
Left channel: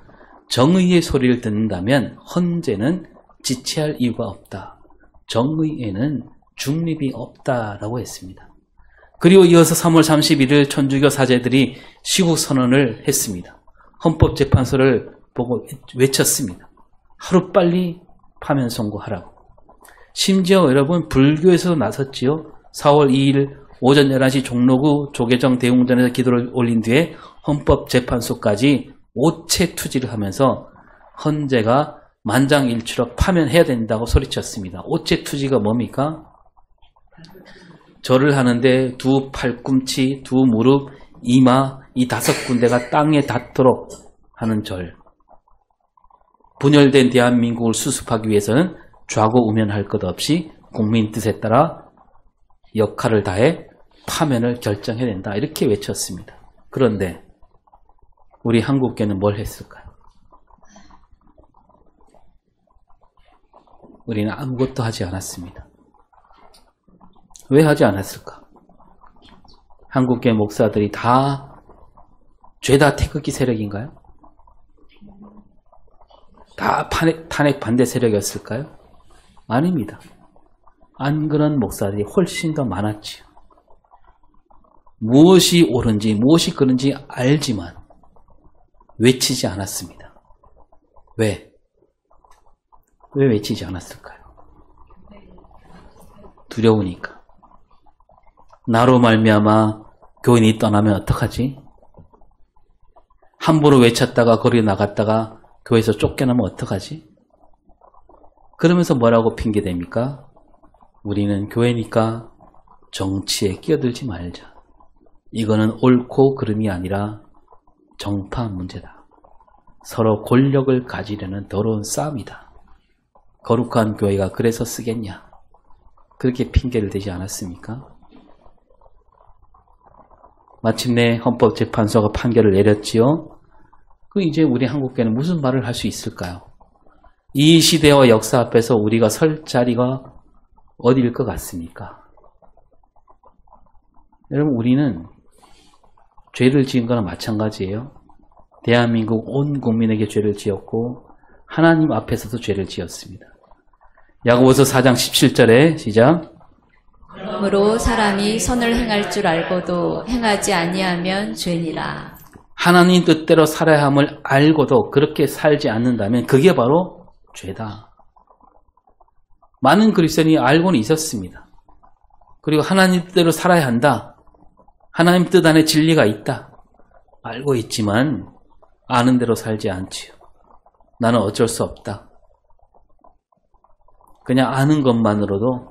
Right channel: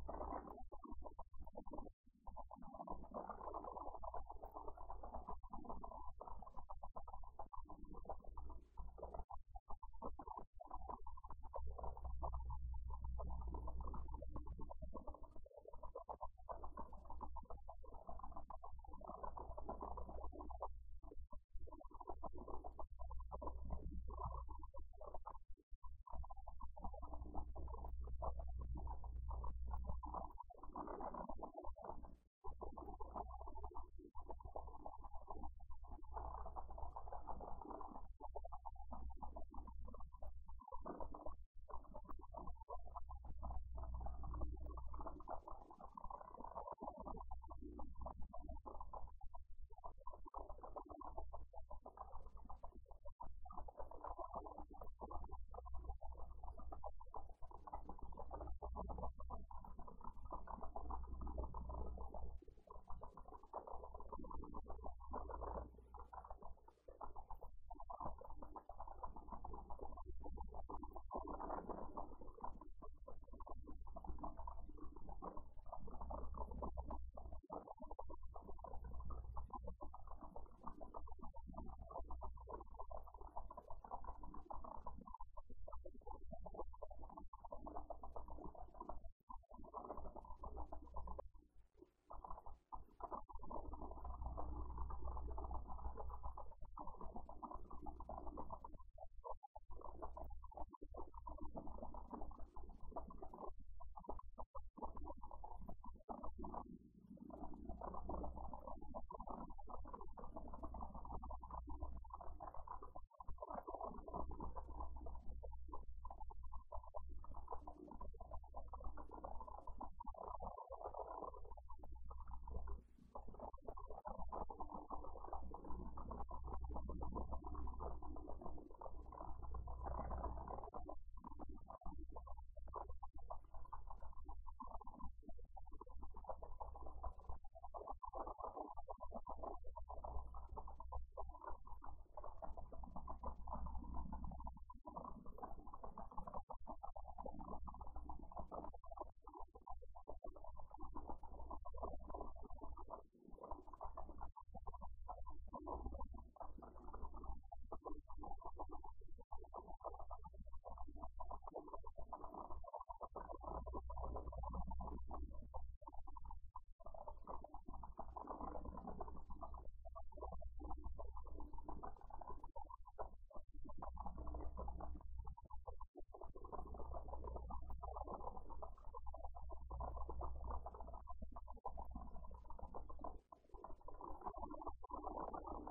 정의의 소리를 듣는다면 헌재는 지체할 이유가 없다. 정의에는 중립이 없다라고 했습니다. 그리고 이어서 3월 31일 천주교 사제들이 시국선언을 했습니다. 헌법재판소를 보고 외쳤습니다. 하루빨리 파면 선고하라고. 심지어 여러분 불교에서도 나섰지요. 4월 2일 오전 11시 종로구 조계정 대웅전에서 기도를 올린 뒤에 헌법재판소까지 오체 투지를 하면서 헌재가 만장일치로 파면해야 된다고 소리쳤습니다. 오체 투지가 뭡니까? 절을 하는데 두 팔꿈치, 두 무릎, 이마 이 5군데가 땅에 닿도록 하는 절. 분열된 대한민국을 수습하기 위해서는 좌고우면할 것 없이 국민 뜻에 따라 역할을 다해 파면을 결정해야 된다. 이렇게 외쳤습니다. 그런데 우리 한국교회는 뭘 했을까요? 우리는 아무것도 하지 않았습니다. 왜 하지 않았을까? 한국교회 목사들이 다 죄다 태극기 세력인가요? 다 탄핵 반대 세력이었을까요? 아닙니다. 안 그런 목사들이 훨씬 더 많았지요. 무엇이 옳은지 무엇이 그른지 알지만 외치지 않았습니다. 왜? 왜 외치지 않았을까요? 두려우니까. 나로 말미암아 교인이 떠나면 어떡하지? 함부로 외쳤다가 거리에 나갔다가 교회에서 쫓겨나면 어떡하지? 그러면서 뭐라고 핑계댑니까? 우리는 교회니까 정치에 끼어들지 말자. 이거는 옳고 그름이 아니라 정파 문제다. 서로 권력을 가지려는 더러운 싸움이다. 거룩한 교회가 그래서 쓰겠냐? 그렇게 핑계를 대지 않았습니까? 마침내 헌법재판소가 판결을 내렸지요. 이제 우리 한국교회는 무슨 말을 할 수 있을까요? 이 시대와 역사 앞에서 우리가 설 자리가 어디일 것 같습니까? 여러분, 우리는 죄를 지은 거나 마찬가지예요. 대한민국 온 국민에게 죄를 지었고 하나님 앞에서도 죄를 지었습니다. 야고보서 4장 17절에 시작. 그러므로 사람이 선을 행할 줄 알고도 행하지 아니하면 죄니라. 하나님 뜻대로 살아야 함을 알고도 그렇게 살지 않는다면 그게 바로 죄다. 많은 그리스도인이 알고는 있었습니다. 그리고 하나님 뜻대로 살아야 한다. 하나님 뜻 안에 진리가 있다. 알고 있지만 아는 대로 살지 않지요. 나는 어쩔 수 없다. 그냥 아는 것만으로도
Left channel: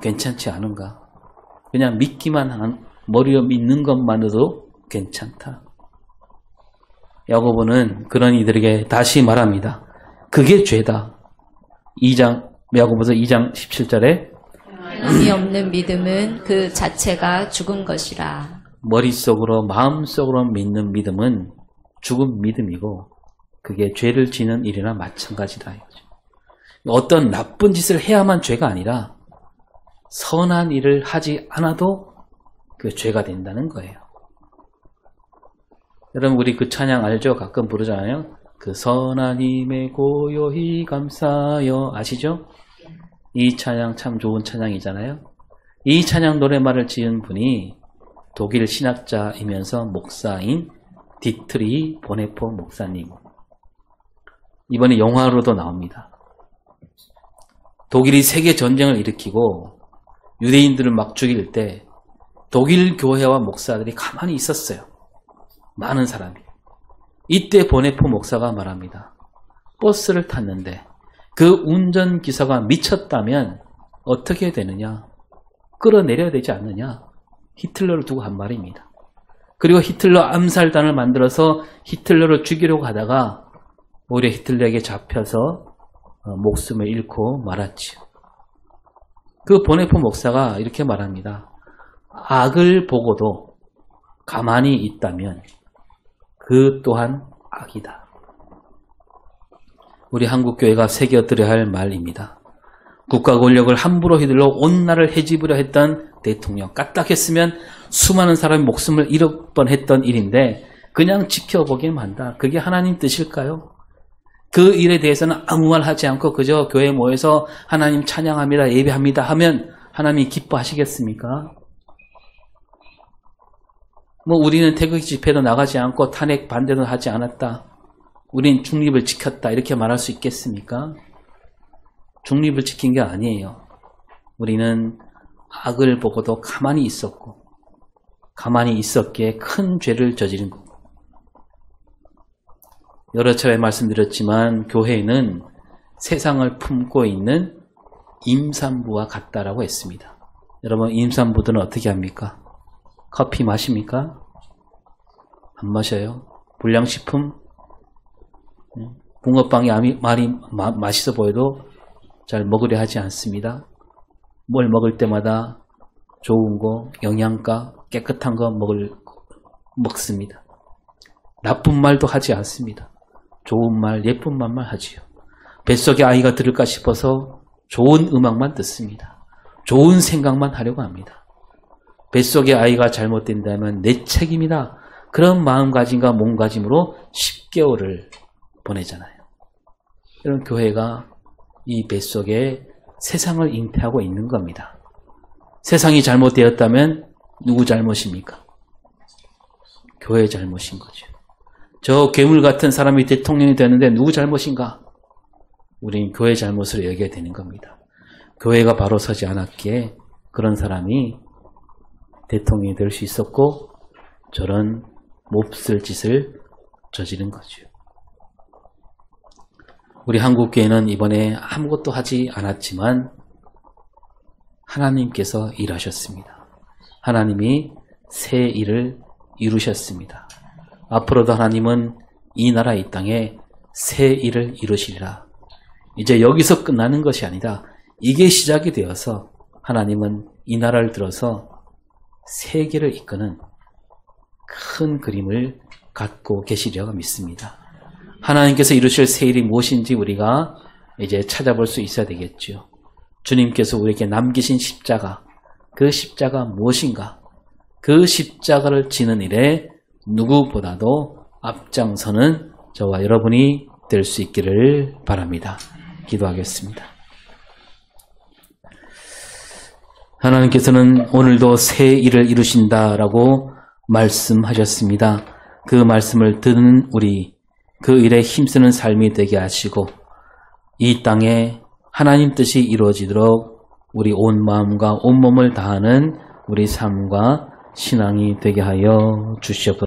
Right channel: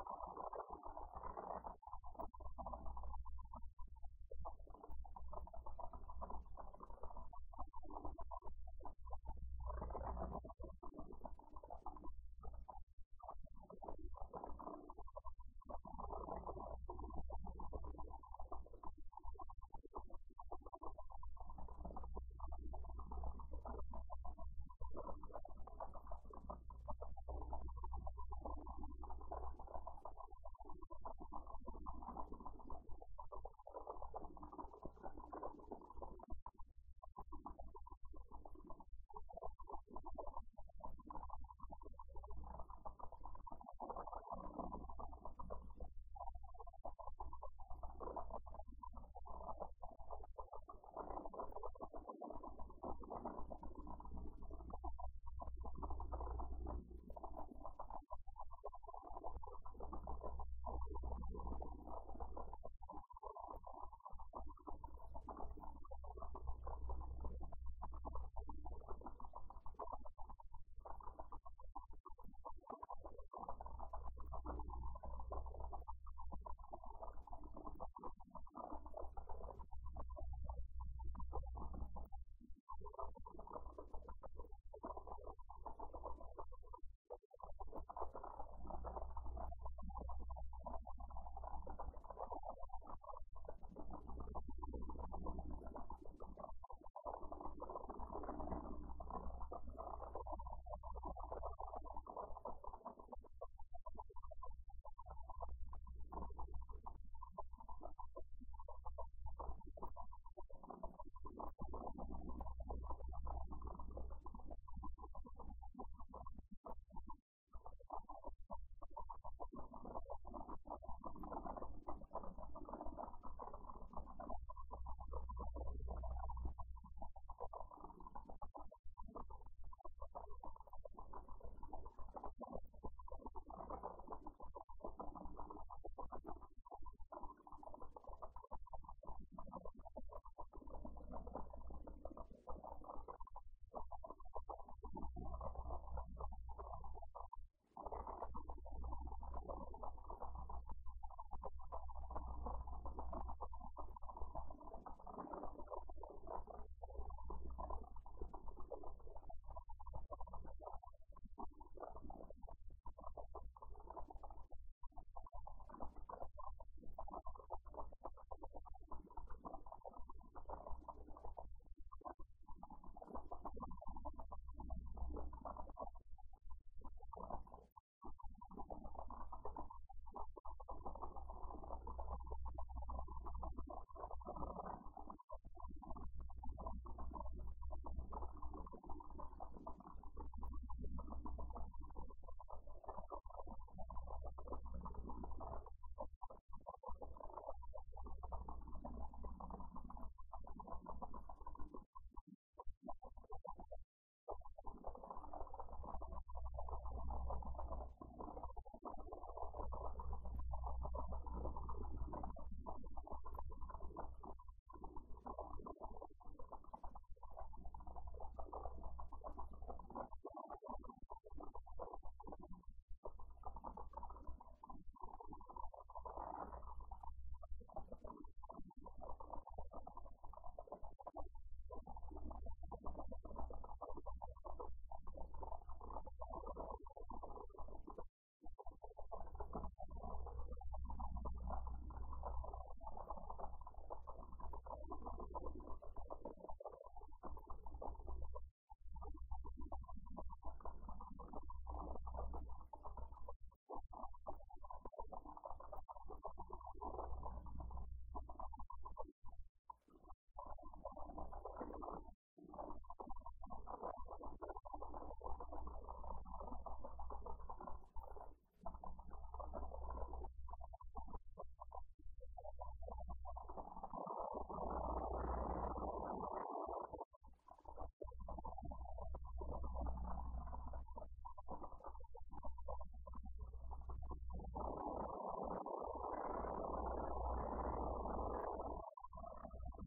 괜찮지 않은가? 그냥 믿기만 한, 머리로 믿는 것만으로도 괜찮다. 야고보는 그런 이들에게 다시 말합니다. 그게 죄다. 야고보서 2장 17절에 행함이 없는 믿음은 그 자체가 죽은 것이라. 머릿속으로 마음속으로 믿는 믿음은 죽은 믿음이고 그게 죄를 지는 일이나 마찬가지다. 어떤 나쁜 짓을 해야만 죄가 아니라 선한 일을 하지 않아도 그 죄가 된다는 거예요. 여러분, 우리 그 찬양 알죠? 가끔 부르잖아요. 그 선한 힘에 고요히 감사하여. 아시죠? 이 찬양 참 좋은 찬양이잖아요. 이 찬양 노래말을 지은 분이 독일 신학자이면서 목사인 디트리 보네포 목사님. 이번에 영화로도 나옵니다. 독일이 세계 전쟁을 일으키고 유대인들을 막 죽일 때 독일 교회와 목사들이 가만히 있었어요. 많은 사람이. 이때 보네포 목사가 말합니다. 버스를 탔는데 그 운전기사가 미쳤다면 어떻게 되느냐? 끌어내려야 되지 않느냐? 히틀러를 두고 한 말입니다. 그리고 히틀러 암살단을 만들어서 히틀러를 죽이려고 하다가 오히려 히틀러에게 잡혀서 목숨을 잃고 말았지요. 그 보네포 목사가 이렇게 말합니다. 악을 보고도 가만히 있다면 그 또한 악이다. 우리 한국교회가 새겨들어야 할 말입니다. 국가 권력을 함부로 휘둘러 온 나라를 해집으려 했던 대통령, 까딱했으면 수많은 사람의 목숨을 잃을 뻔했던 일인데 그냥 지켜보기만 한다. 그게 하나님 뜻일까요? 그 일에 대해서는 아무 말 하지 않고 그저 교회에 모여서 하나님 찬양합니다, 예배합니다 하면 하나님이 기뻐하시겠습니까? 우리는 태극기 집회도 나가지 않고 탄핵 반대도 하지 않았다. 우린 중립을 지켰다. 이렇게 말할 수 있겠습니까? 중립을 지킨 게 아니에요. 우리는 악을 보고도 가만히 있었고 가만히 있었기에 큰 죄를 저지른 거고. 여러 차례 말씀드렸지만 교회는 세상을 품고 있는 임산부와 같다라고 했습니다. 여러분, 임산부들은 어떻게 합니까? 커피 마십니까? 안 마셔요. 불량식품? 붕어빵이 말이 맛있어 보여도 잘 먹으려 하지 않습니다. 뭘 먹을 때마다 좋은 거, 영양가, 깨끗한 거 먹습니다. 나쁜 말도 하지 않습니다. 좋은 말, 예쁜 말만 하지요. 뱃속에 아이가 들을까 싶어서 좋은 음악만 듣습니다. 좋은 생각만 하려고 합니다. 뱃속에 아이가 잘못된다면 내 책임이다. 그런 마음가짐과 몸가짐으로 10개월을 보내잖아요. 이런 교회가 이 뱃속에 세상을 잉태하고 있는 겁니다. 세상이 잘못되었다면 누구 잘못입니까? 교회 잘못인 거죠. 저 괴물 같은 사람이 대통령이 되는데 누구 잘못인가? 우린 교회 잘못을 여겨야 되는 겁니다. 교회가 바로 서지 않았기에 그런 사람이 대통령이 될 수 있었고 저런 몹쓸 짓을 저지른 거죠. 우리 한국교회는 이번에 아무것도 하지 않았지만 하나님께서 일하셨습니다. 하나님이 새 일을 이루셨습니다. 앞으로도 하나님은 이 나라 이 땅에 새 일을 이루시리라. 이제 여기서 끝나는 것이 아니라 이게 시작이 되어서 하나님은 이 나라를 들어서 세계를 이끄는 큰 그림을 갖고 계시리라 믿습니다. 하나님께서 이루실 새 일이 무엇인지 우리가 이제 찾아볼 수 있어야 되겠죠. 주님께서 우리에게 남기신 십자가, 그 십자가 무엇인가? 그 십자가를 지는 일에 누구보다도 앞장서는 저와 여러분이 될 수 있기를 바랍니다. 기도하겠습니다. 하나님께서는 오늘도 새 일을 이루신다라고 말씀하셨습니다. 그 말씀을 듣는 우리, 그 일에 힘쓰는 삶이 되게 하시고 이 땅에 하나님 뜻이 이루어지도록 우리 온 마음과 온 몸을 다하는 우리 삶과 신앙이 되게 하여 주시옵소서.